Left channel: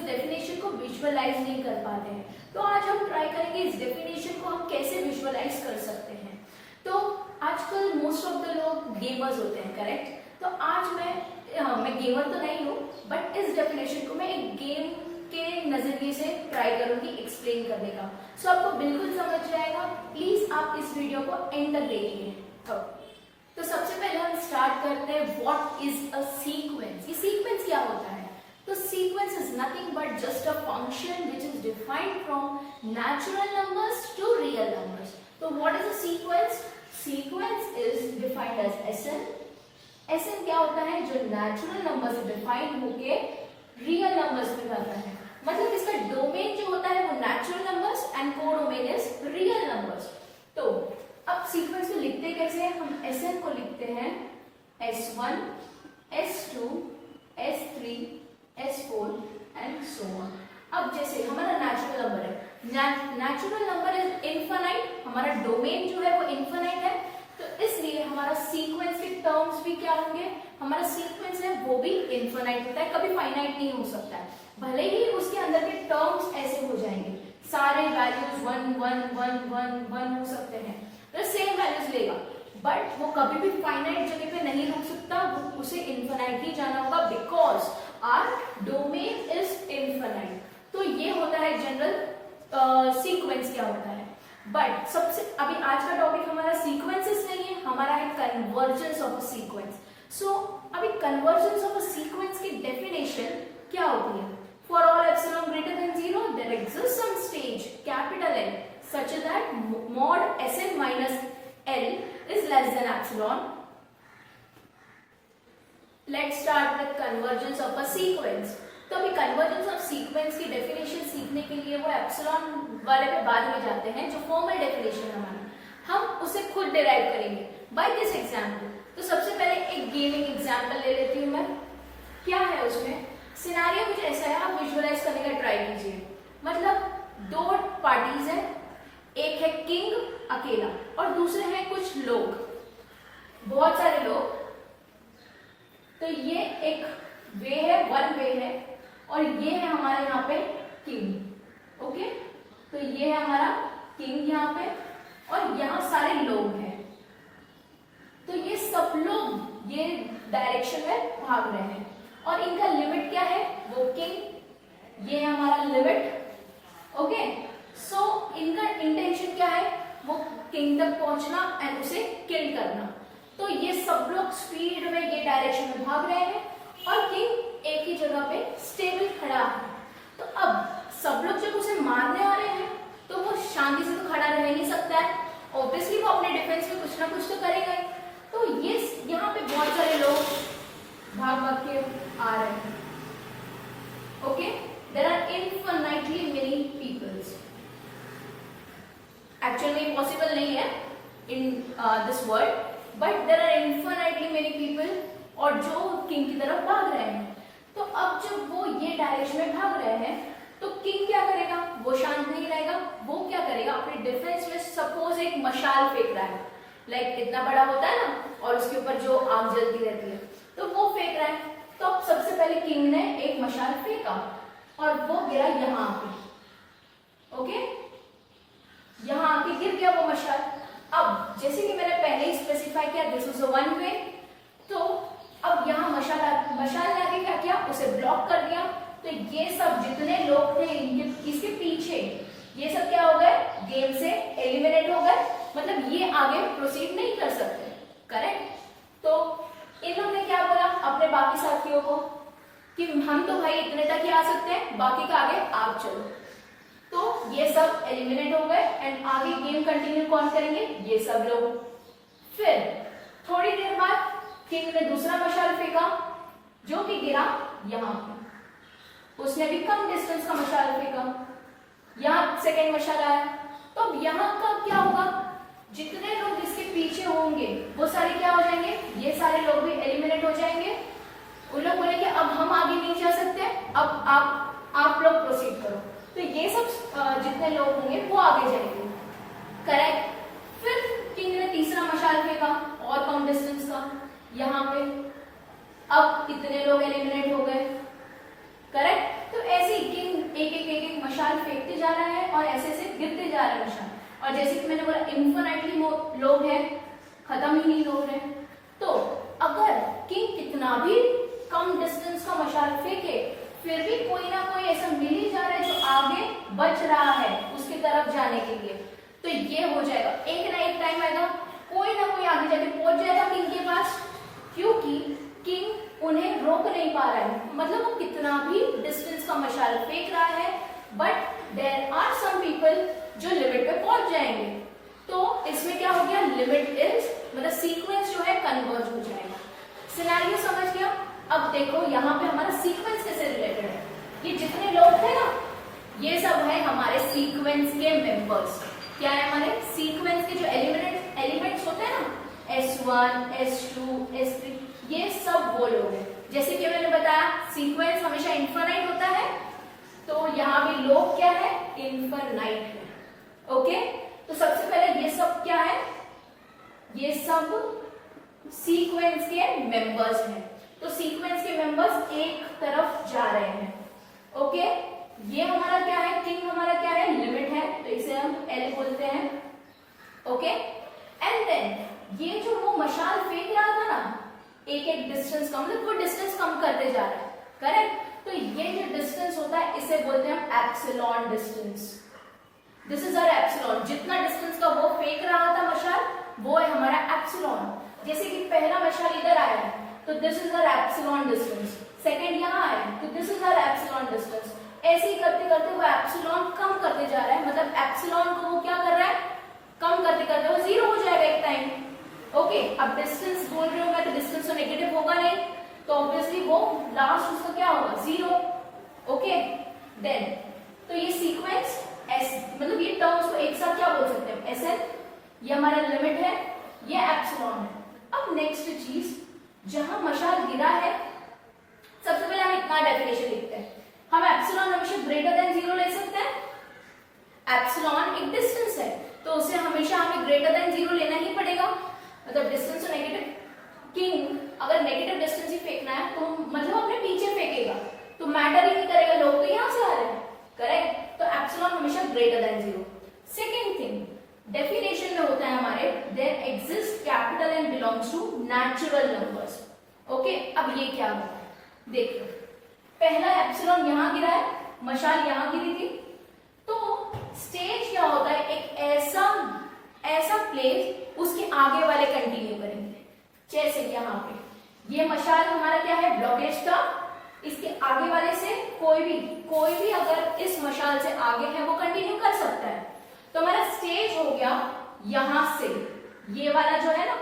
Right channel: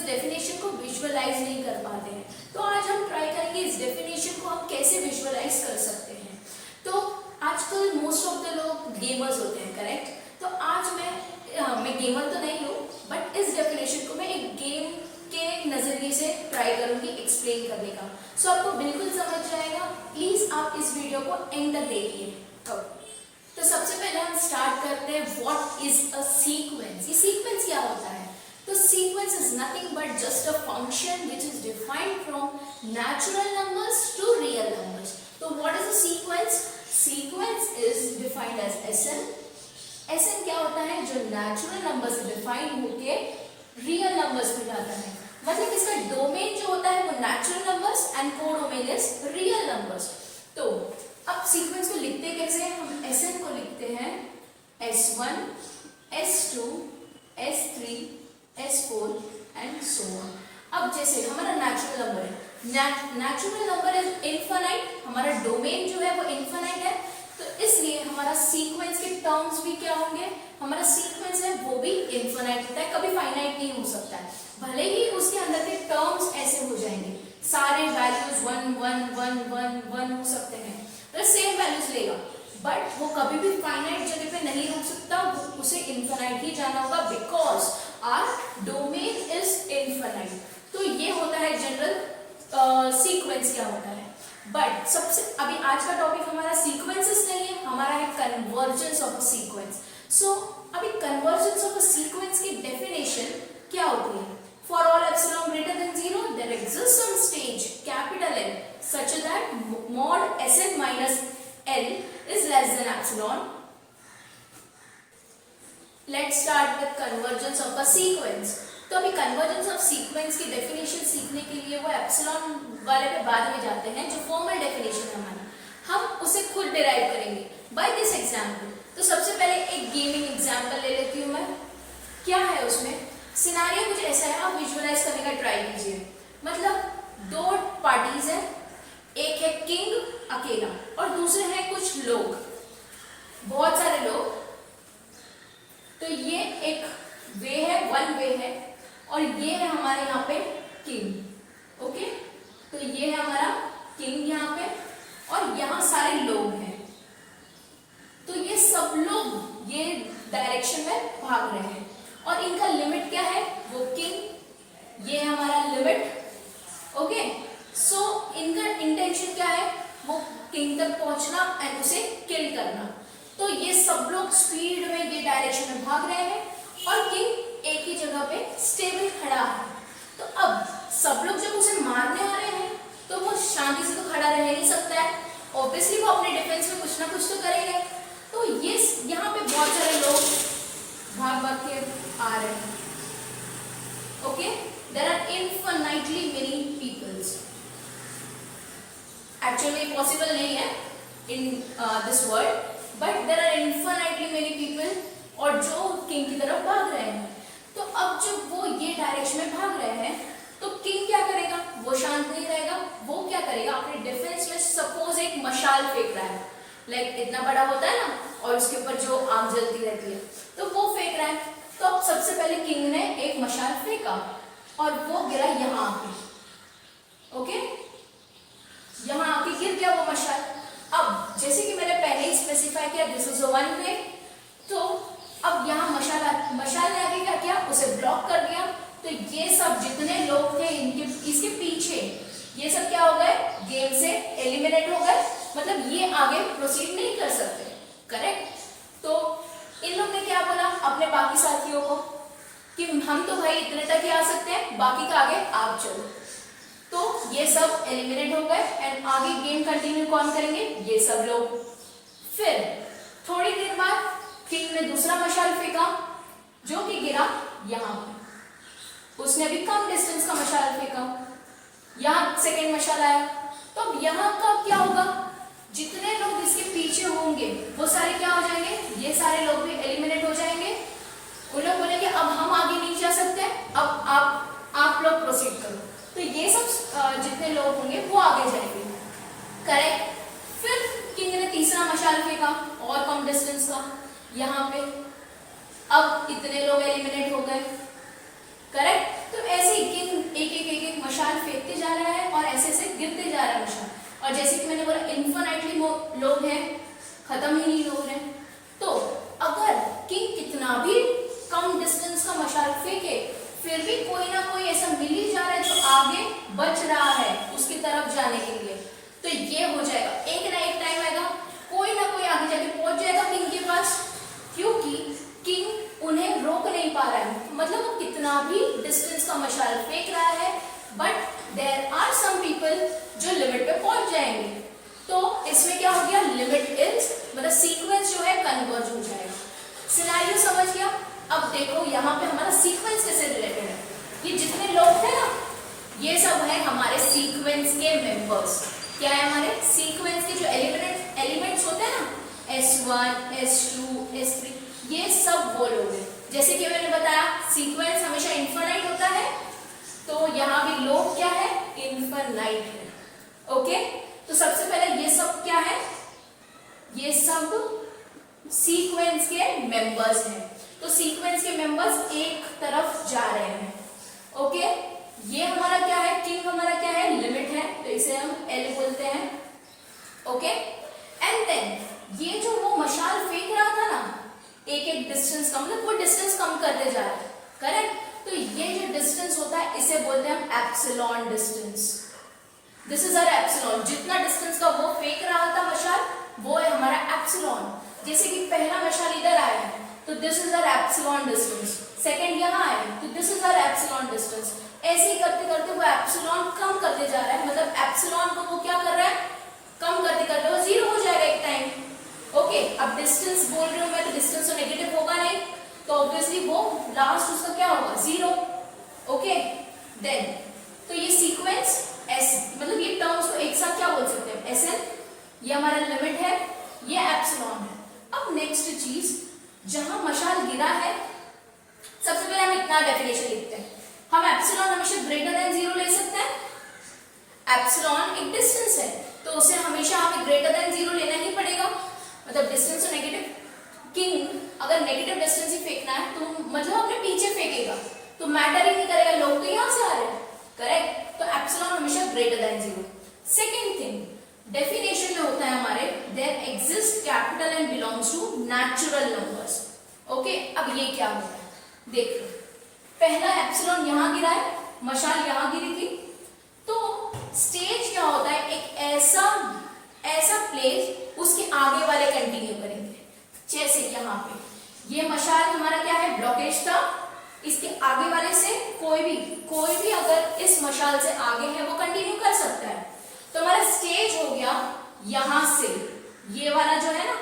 इस डेफिनेशन को विजुअलाइज नहीं कर पाते हैं। तो आज हम ट्राई करेंगे इस डेफिनेशन को हम कैसे विजुअलाइज कर सकते हैं। तो आजकल मोस्ट ऑफ द लोग गेमर्स होते हैं, करेक्ट। तो आज मैं गेमर तो नहीं हूँ, बट इस डेफिनेशन को मैं एक गेम के नजरिए से ट्राई करूंगी एक्सप्लेन करने का। सो आपको बिल्कुल समझ जाएगा। प्लीज आप इस वीडियो को एंड तक देखिए। तो सबसे पहले हम स्टार्ट करते हैं व्हाट इज अ सीक्वेंस। ये सीक्वेंस क्या होता है? तो sequence is nothing but just a function which is defined from natural numbers to real numbers. तो what is a sequence? Sequence is defined as Sn. Sn क्या होता है? जो नेचुरल नंबर से डिफाइंड होके रियल नंबर्स में जाता है। मतलब इसका डोमेन जो होता है वो natural numbers and codomain is real numbers. तो अब सीक्वेंस को लिखते कैसे हैं? हम एसएन को लिखते हैं S1, S2, S3, S4 and so on. अब जैसे हमारा नेचुरल नंबर है, नेचुरल नंबर इज इनफाइनाइट, हमारा डोमेन जो है वो इनफाइनाइट है, तो इसलिए हमारा सीक्वेंस के टर्म्स भी क्या होंगे? हमारा सीक्वेंस है वो भी इनफाइनाइट होता है, कभी फाइनाइट नहीं हो सकता है। भले ही उसके अंदर के टर्म्स ऐसे हो जाएंगे, सारे वैल्यूज 1 1 1 1 1 हो सकते हैं, तो सेम वैल्यूज लेगा, बट वो कभी भी फाइनाइट जगह पे नहीं रुक सकता, वो उसे इनफाइनाइट ही जाना होगा, because our domain is infinite. तो ये होता है जनरल सीक्वेंस क्या होता है। बट सबसे अभी आज का टॉपिक हमारा सीक्वेंसेस नहीं है, हमारा है convergence of a sequence. So अभी कन्वर्जेंस ऑफ अ सीक्वेंस की डेफिनेशन क्या होती है? For all epsilon greater than 0 there exist some stage capital N such that mod Sn minus L is less than epsilon. Let's start with convergence of a sequence. तो अभी convergence of sequence की definition सीखने के लिए वो epsilon वाले पे बाद में जाते हैं, जो फॉर्मल डेफिनेशन है हमारी, हम उसे खुद डिराइव करेंगे बाय दिस एग्जांपल। तो सबसे पहले एक गेमिंग एग्जांपल ले लेती हूँ मैं। क्या है उसमें? सिनेरियो कुछ ऐसा है, आप विजुअलाइज करने का ट्राई कीजिए। मतलब दो पार्टीज हैं, एक है किंग अकेला और दूसरे हैं कुछ लोग, बहुत सारे लोग। तो ये एक वे है, वन वे है, और ये है हमारे यहाँ पे किंग। ओके, तो ये है हमारा किंग यहाँ पे, और यहाँ सारे लोग हैं। तो ये सब लोग ये डायरेक्शन में भाग रहे हैं, और इनका लिमिट क्या है? वो किंग, ये है हमारा लिमिट। ओके, सो इनका इंटेंशन क्या है? वो किंग तक पहुंचना एंड उसे किल करना। तो ये सब लोग स्पीड में ये डायरेक्शन में भाग रहे हैं, और किंग एक ही जगह पे स्टेबल खड़ा है। तो अब सब लोग जब उसे मारने आ रहे हैं, तो वो शांति से तो खड़ा रह नहीं सकता है, ऑब्वियसली वो अपने डिफेंस में कुछ ना कुछ तो करेगा। तो ये यहाँ पे बहुत सारे लोग भाग भाग के आ रहे हैं। Okay, there are infinitely many peoples. Actually possible नहीं है in this world, but there are infinitely many people, और जो किंग की तरफ भाग रहे हैं। तो अब जब वो ये डायरेक्शन में भाग रहे हैं, तो किंग क्या करेगा? वो शांत नहीं रहेगा, वो क्या करेगा? अपने डिफेंस में सपोज एक मशाल फेंक रहा है, लाइक इतना बड़ा होता है ना, और उसके ऊपर जो आग जलती रहती है, तो वो फेंक रहा है। तो अब सबसे पहले किंग ने एक मशाल फेंका, और वो गिरा यहाँ आके। ओके, यहाँ आके गिर गया वो मशाल। अब जैसे कि मैंने पहले ही स्पेसिफाई किया, दिस इज वन वे। तो अब यहाँ मशाल ने आगे क्या किया? उसे ब्लॉक कर दिया। तो ये सब जितने लोग थे इसके पीछे, ये सब क्या हो गए? गेम से एलिमिनेट हो गए, मतलब ये आगे प्रोसीड नहीं कर सकते, करेक्ट। तो इन लोग ने क्या बोला अपने बाकी साथियों को कि हम तो भाई इतने तक ही आ सकते हैं, बाकी का आगे आप चलो। तो ये सब एलिमिनेट हो गए, एंड आगे गेम कंटिन्यू कौन करेंगे? ये सब लोग। फिर थोड़ी देर बाद किंग ने दूसरा मशाल फेंका, जो कि गिरा यहाँ पे। उसने भी कम डिस्टेंस का मशाल फेंका, यहाँ सेकेंड मशाल आया। तो अब यहाँ का क्या होगा? जितने लोग इसके पीछे होंगे वो सारे क्या हो जाएंगे? ये सारे लोग भी एलिमिनेट हो जाएंगे। उन लोग बोलेंगे अब हम आगे नहीं जा सकते, अब आप लोग प्रोसीड करो। तो ये सब जितने लोग होंगे वो आगे जाएंगे, करेक्ट। फिर किंग ने तीसरा मशाल फेंका और कम डिस्टेंस का यहाँ पे, अब इतने लोग एलिमिनेट हो गए, करेक्ट। तो ऐसे ही खत्म ही नहीं हो रहे। तो अगर किंग कितना भी कम डिस्टेंस का मशाल फेंके फिर भी कोई ना कोई ऐसा मिल ही जा रहा है जो आगे बच रहा है उसकी तरफ जाने के लिए, तो ये हो जाएगा एक ना एक टाइम आएगा कोई ना कोई आगे जाके पहुंच जाएगा किंग के पास, क्योंकि किंग उन्हें रोक नहीं पा रहा है। मतलब वो कितना भी डिस्टेंस का मशाल फेंक रहा है but there are some people जो लिमिट पे पहुंच जाएंगे। तो इसमें क्या हो गया, लिमिट इज मतलब सीक्वेंस जो है कन्वर्ज हो जाएगा। सिनेरियो समझ गया। अब देखो यहाँ पे हमारा सीक्वेंस कैसे रिलेटेड है। ये जितने लोग थे ना ये सब है हमारे सीक्वेंस के मेंबर्स। क्या है, हमारे सीक्वेंस के जो एलिमेंट्स होते हैं ना S1, S2, S3, ये सब वो लोग हैं। जैसे कि मैंने बताया सीक्वेंस हमेशा इनफाइनाइट होता है, तो यहाँ भी लोग क्या है, इनफाइनाइट है। ओके, तो सबसे पहले ये सब क्या है, ये सब सीक्वेंस के मेंबर्स हैं। तो सीक्वेंस के मेंबर्स एक तरफ जा रहे हैं। ओके, ये हमारा क्या है, किंग हमारा क्या है, लिमिट है, तो इसे हम L बोलते हैं। ओके, एंड देन ये जो वो मशाल फेंक रहा था ना एक एक डिस्टेंस कम, मतलब वो डिस्टेंस कम करते जा रहे हैं, करेक्ट। तो ये जो डिस्टेंस होता है इसे बोलते हैं हम epsilon distance. This is our epsilon. जितना डिस्टेंस का वो फेंक रहा था मशाल वो है हमारा एप्सिलॉन। जैसे कि पहला मशाल इधर आया है तो this is our epsilon distance, second यहाँ आया है तो this is our epsilon distance. ऐसे ही करते करते वो एप्सिलॉन कम करते जा रहा है, मतलब एप्सिलॉन को वो क्या कर रहा है, कम करते करते वो जीरो हो जाएगा एक टाइम। ओके, अब डिस्टेंस बोल रही हूँ मैं तो डिस्टेंस तो नेगेटिव होगा नहीं, तो ऑब्वियसली वो लास्ट उसका क्या होगा, जीरो। ओके, देन तो ये सीक्वेंस एस मतलब ये टर्म्स को एक साथ क्या बोल सकते हैं, एसएन, ये हमारा लिमिट है, ये एप्सिलॉन है। अब नेक्स्ट चीज, जहां मशाल गिरा है सबसे पहले हम इतना डेफिनेशन लिखते हैं, हम एप्सिलॉन हमेशा ग्रेटर देन जीरो ले सकते हैं। एप्सिलॉन एक डिस्टेंस है तो उसे हमेशा हमें ग्रेटर देन जीरो लेना ही पड़ेगा, मतलब डिस्टेंस तो नेगेटिव। किंग अगर नेगेटिव डिस्टेंस ही फेंकना है तो मतलब अपने पीछे फेंकेगा तो मैटर ही नहीं करेगा, लोग तो यहां से आ रहे हैं, करेक्ट। तो एप्सिलॉन हमेशा greater than zero. Second thing, definition में होता है हमारे there exist capital N belongs to natural numbers. Okay, अब ये क्या होता है, देख लो, पहला एप्सिलॉन यहां गिरा है, मशाल यहां गिरी थी, तो स्टेज क्या होता है, एक ऐसा प्लेस उसके आगे वाले कंटिन्यू करेंगे। जैसे यहाँ पे ये मशाल हमारा क्या है, ब्लॉकेज था, इसके आगे वाले से कोई भी अगर इस मशाल से आगे है वो कंटिन्यू कर सकता है। तो हमारा स्टेज हो गया यहां से, ये वाला जो है ना,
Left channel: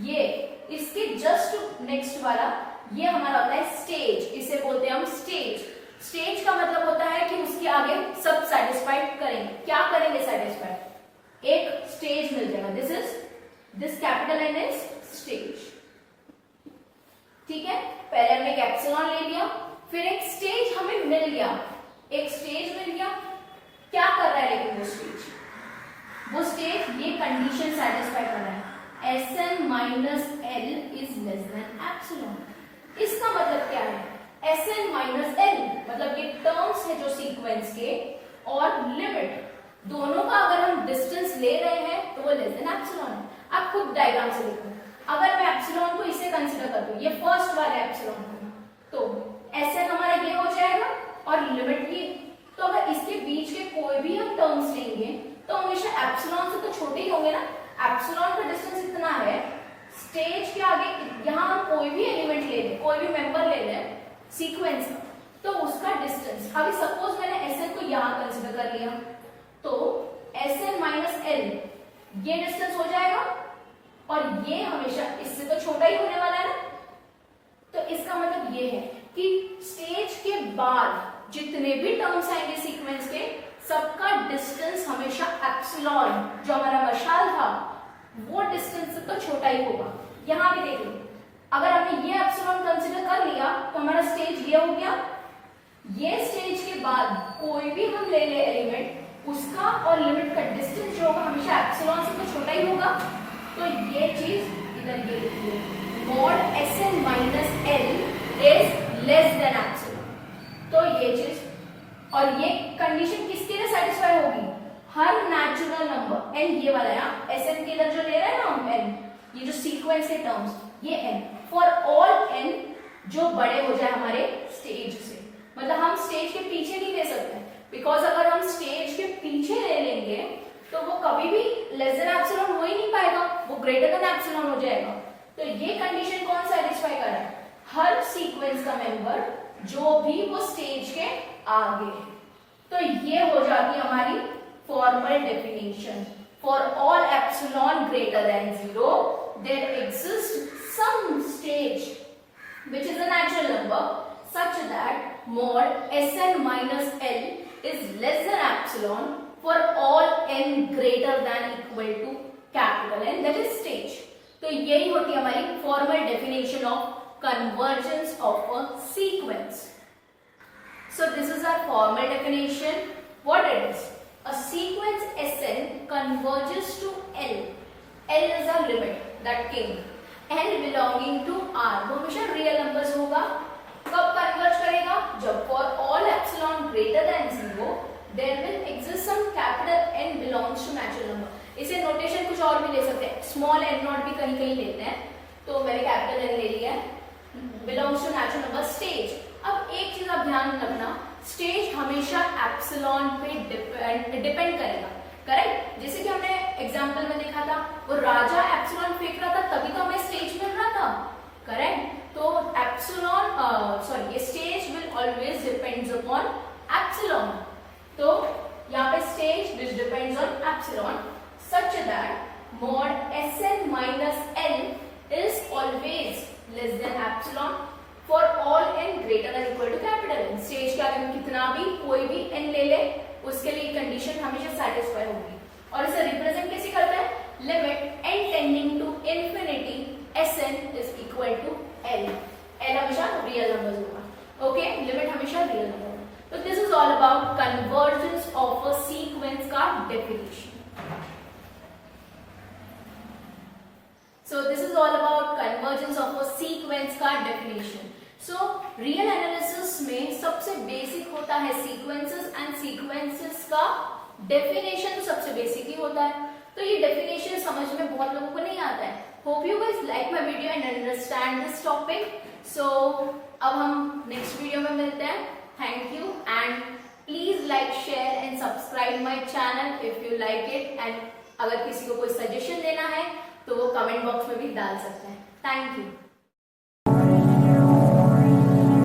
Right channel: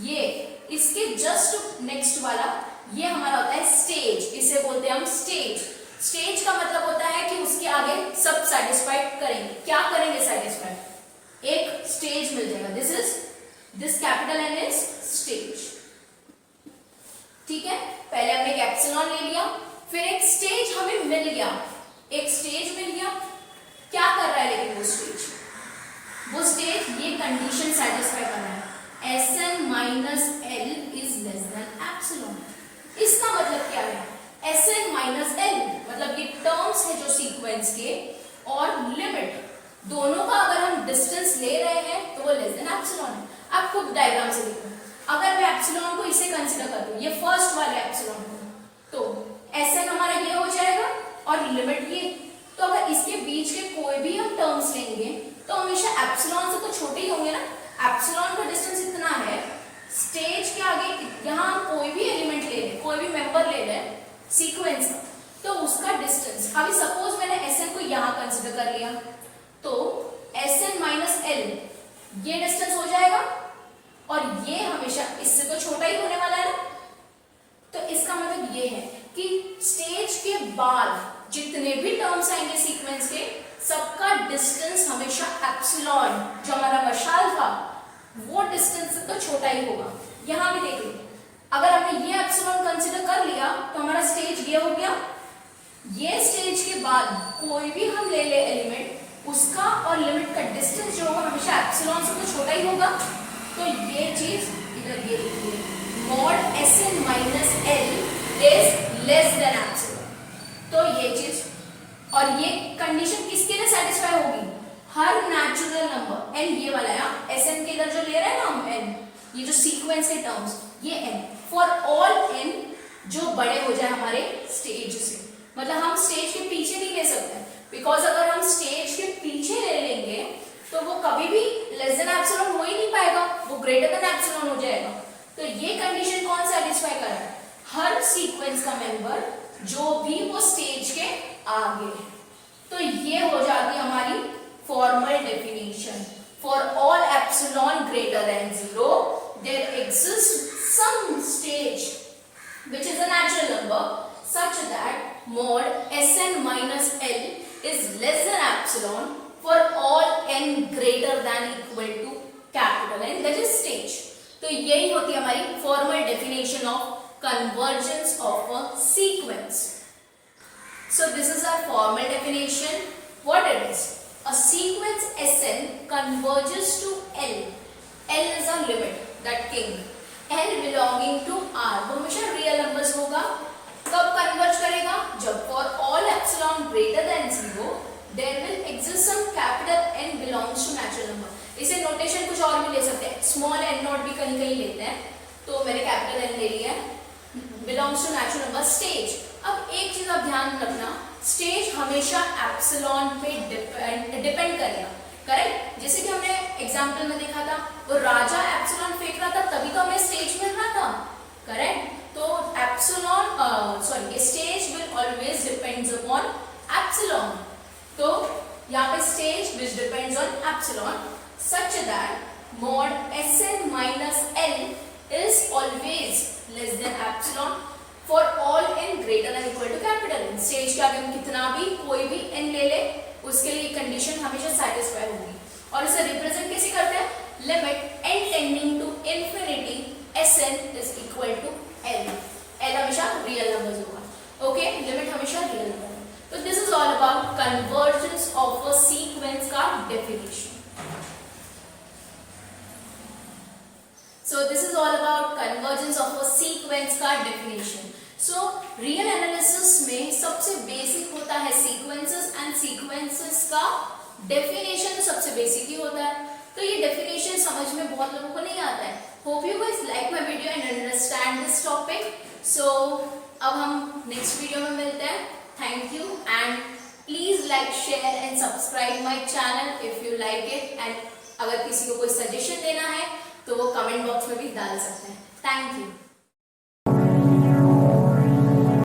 ये इसके जस्ट नेक्स्ट वाला ये हमारा होता है स्टेज, इसे बोलते हैं हम स्टेज। स्टेज का मतलब होता है कि उसके आगे सब सेटिस्फाइड करेंगे। क्या करेंगे सेटिस्फाइड, एक स्टेज मिल जाएगा, this capital N is stage. ठीक है, पहले हमने एक एप्सिलॉन ले लिया, फिर एक स्टेज हमें मिल गया, एक स्टेज मिल गया। क्या कर रहा है लेकिन वो स्टेज ये कंडीशन सेटिस्फाई कर रहा है, Sn minus L is less than epsilon. इसका मतलब क्या है, Sn माइनस L मतलब ये टर्म्स है जो सीक्वेंस के, और लिमिट दोनों का अगर हम डिस्टेंस ले रहे हैं तो वो लेस देन एप्सिलॉन है। आप खुद डायग्राम से देखो, अगर मैं एप्सिलॉन को इसे कंसीडर कर दूं, ये फर्स्ट वाले एप्सिलॉन को, तो Sn हमारा ये हो जाएगा और लिमिट ये। तो अगर इसके बीच के कोई भी हम टर्म्स लेंगे तो हमेशा एप्सिलॉन से तो छोटे ही होंगे ना। एप्सिलॉन का डिस्टेंस इतना है, स्टेज के आगे यहाँ हम कोई भी एलिमेंट ले लें, कोई भी मेंबर ले लें सीक्वेंस का, तो उसका डिस्टेंस, अभी सपोज मैंने Sn को यहाँ कंसीडर कर लिया, तो Sn माइनस L ये डिस्टेंस हो जाएगा, और ये हमेशा इससे तो छोटा ही होने वाला है ना। तो इसका मतलब ये है कि स्टेज के बाद जितने भी टर्म्स आएंगे सीक्वेंस के, सबका डिस्टेंस हमेशा एप्सिलॉन जो हमारा मशाल था वो डिस्टेंस से तो छोटा ही होगा। यहां भी देख लो, अगर हमने ये एप्सिलॉन कंसीडर कर लिया तो हमारा स्टेज ये हो गया, ये स्टेज के बाद कोई भी हम ले ले एलिमेंट, उसका और लिमिट का डिस्टेंस जो होगा हमेशा एप्सिलॉन से तो छोटा ही होगा। तो ये चीज इधर ये लिखिए, mod Sn minus L is less than epsilon. तो ये चीज, और ये कंडीशन किसके लिए सेटिस्फाई होगी, हर नेचुरल नंबर n, ये वाला है Sn के इधर जो ले रहे हैं ना हम n, ये जो सीक्वेंस के टर्म्स, ये n फॉर ऑल n जो बड़े हो जाए हमारे स्टेज से, मतलब हम स्टेज के पीछे नहीं ले सकते, बिकॉज अगर हम स्टेज के पीछे ले लेंगे तो वो कभी भी लेस देन एप्सिलॉन हो ही नहीं पाएगा, वो ग्रेटर देन एप्सिलॉन हो जाएगा। तो ये कंडीशन कौन सेटिस्फाई कर रहा है? हर सीक्वेंस का मेंबर जो भी वो स्टेज के आगे है। तो ये हो जाती हमारी formal definition. For all epsilon greater than 0 there exist some stage which is a natural number such that mod Sn minus L is less than epsilon for all n greater than equal to capital N, that is stage. तो यही होती है हमारी formal definition of convergence of a sequence. So this is our formal definition. What it is? A sequence Sn converges to L. L is a limit, that king. n belonging to R, वो हमेशा real numbers होगा। कब converge करेगा? जब for all epsilon greater than 0 there will exist some capital N belongs to natural number. इसे notation कुछ और भी ले सकते हैं, स्मॉल n नॉट भी कहीं कहीं लेते हैं, तो मैंने कैपिटल N ले लिया है, belongs to natural number stage. अब एक चीज आप ध्यान रखना, स्टेज हमेशा एप्सिलॉन पे डिपेंड करेगा, करेक्ट? जैसे कि हमने एग्जांपल में देखा था, वो राजा एप्सिलॉन फेंक रहा था तभी तो हमें स्टेज मिल रहा था, करेक्ट? तो एप्सिलॉन ये stage will always depends upon epsilon. तो यहाँ पे stage which depends on epsilon such that mod Sn minus L is always less than epsilon for all n greater than equal to capital N। Stage के आगे कितना भी कोई भी n ले ले, उसके लिए कंडीशन हमेशा सेटिस्फाई होगी। और इसे रिप्रेजेंट कैसे करते हैं? Limit n tending to infinity Sn is equal to L। L हमेशा रियल नंबर्स होगा, ओके? लिमिट हमेशा रियल नंबर होगा। तो this is all about convergence of a sequence का definition. So this is all about convergence of a sequence का definition. So real analysis में सबसे basic होता है sequences and sequences का definition तो सबसे basic ही होता है। तो ये definition समझ में बहुत लोगों को नहीं आता है। Hope you guys like my video and understand this topic. So अब हम next video में मिलते हैं। Thank you and please like, share and subscribe my channel if you like it, and अगर किसी को कोई suggestion देना है तो वो कमेंट बॉक्स में भी डाल सकते हैं। Thank you.